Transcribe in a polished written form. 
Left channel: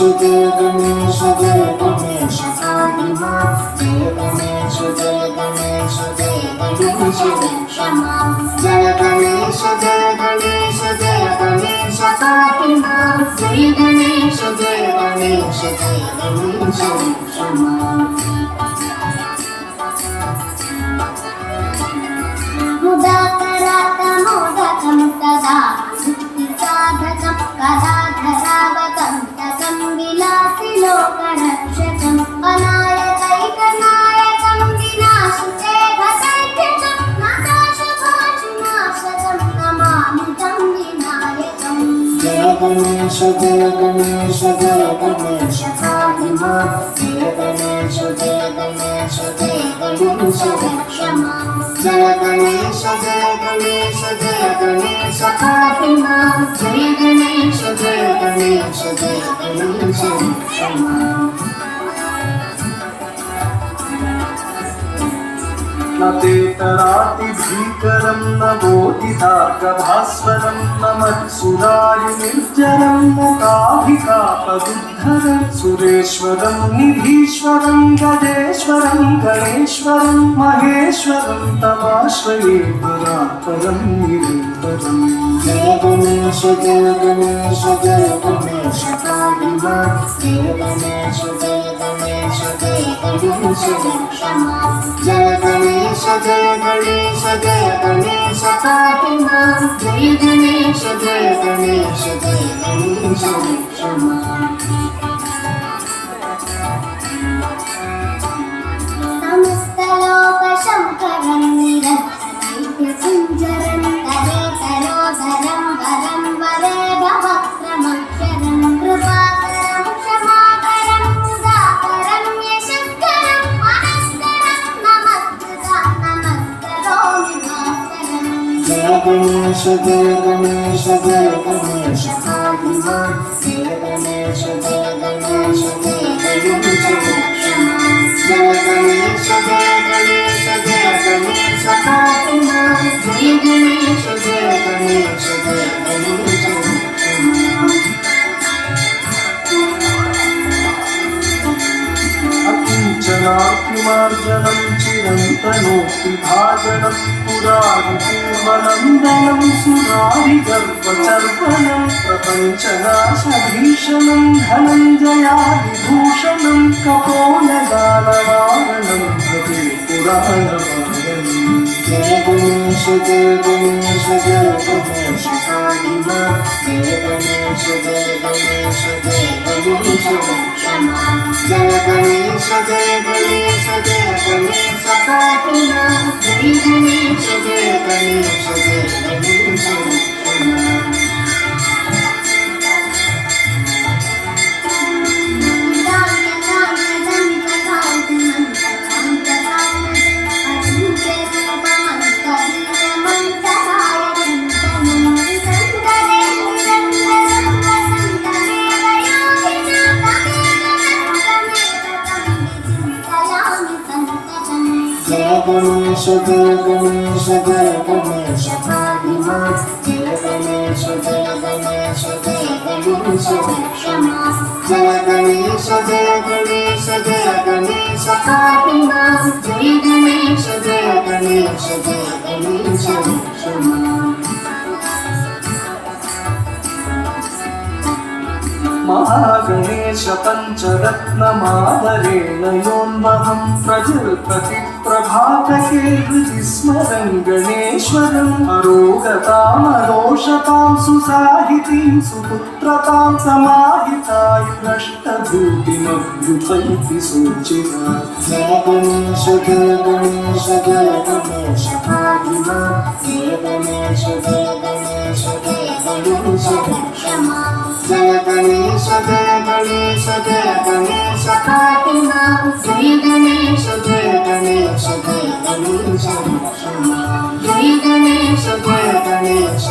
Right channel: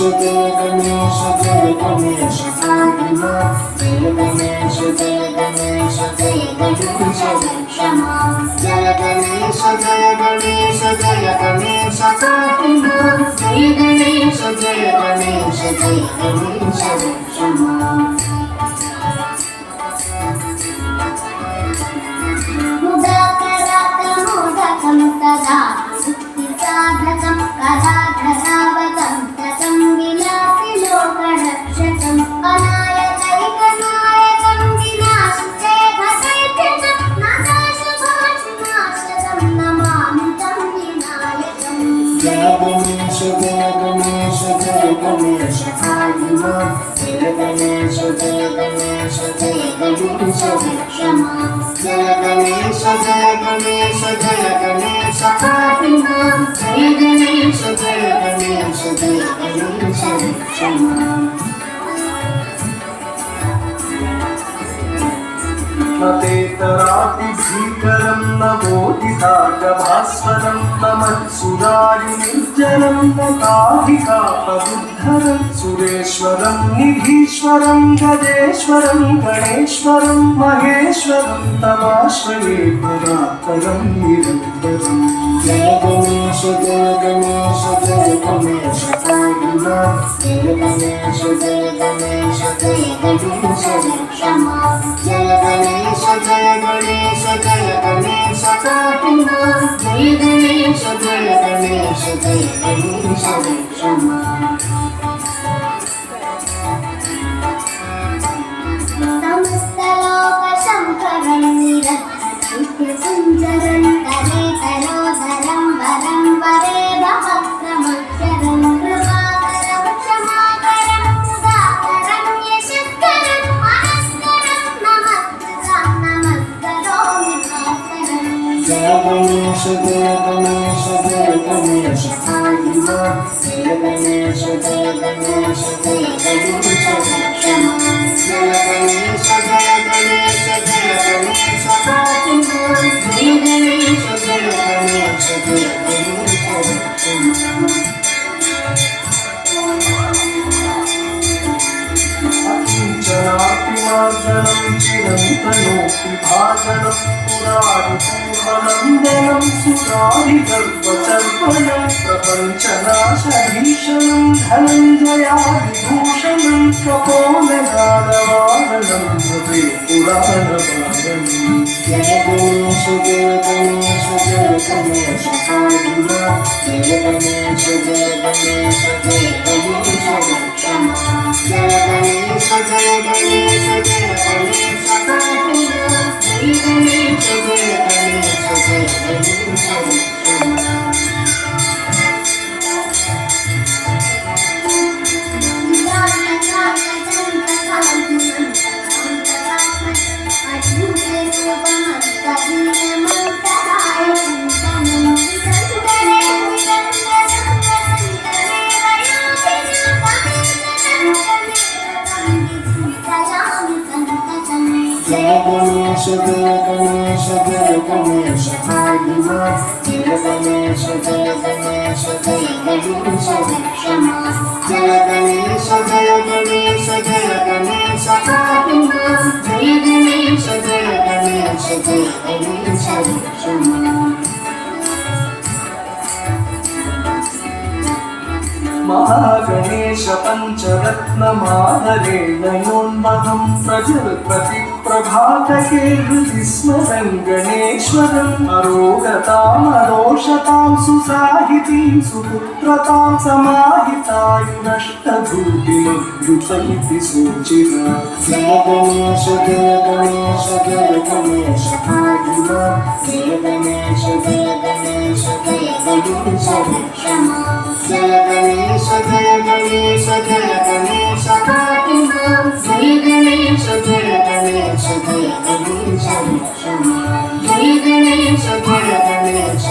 जय गणेश पाहि मां जय गणेश रक्ष मां जय गणेश पाहि मां जय गणेश रक्ष मां मुदाकरातमोदकं तदा मुक्तिसाधकं कराधरावतं ततं विलासिलोकरक्षकं अनायकैकनायकं विनाशचेतसैत्यजं नादाशुभाशुनाशकं नमामि तं विनायकं जय गणेश पाहि मां जय गणेश रक्ष मां जय गणेश पाहि मां जय गणेश रक्ष मां न तेतरातिभीकरं न बोधितार्कभास्वरं न मत्सुरारिनिर्जरं न काभिकापदुद्धरं सुरेश्वरं निधीश्वरं गजेश्वरं गणेश्वरं महेश्वरं तमाश्रये परात्परं निरन्तरम् जय गणेश पाहि मां जय गणेश रक्ष मां जय गणेश पाहि मां जय गणेश रक्ष मां समस्तलोकशङ्करं निरन्तरं करे तरोधरं वरं वरे भवक्रमक्षरं कृपाकरं क्षमाकरं मुदाकरं यशस्करं अनन्तरं नमस्करोमि भास्करं जय गणेश पाहि मां जय गणेश रक्ष मां जय गणेश पाहि मां जय गणेश रक्ष मां अकिञ्चनातिमार्जनं चिरन्तनोऽपि भाजनं पुरारिपूर्वनन्दनं सुरारिगर्भचर्वनं प्रपञ्चनाशभीषणं धनञ्जयादिभूषणं कपोलदानवारणं भवे पुराणवारणम् जय गणेश पाहि मां जय गणेश रक्ष मां जय गणेश पाहि मां जय गणेश रक्ष मां जय गणेश पाहि मां जय गणेश रक्ष मां जय गणेश पाहि मां जय गणेश रक्ष मां महागणेश पञ्चरत्नमादरेण योन्महं प्रभातके हृदि स्मरं गणेश्वरम् अरोगतामदोषतां सुसाहितीं सुपुत्रतां समाहितायुरष्टभूतिमभ्युपैति सूचिता जय गणेश पाहि मां जय गणेश रक्ष मां जय गणेश पाहि मां जय गणेश रक्ष मां जय गणेश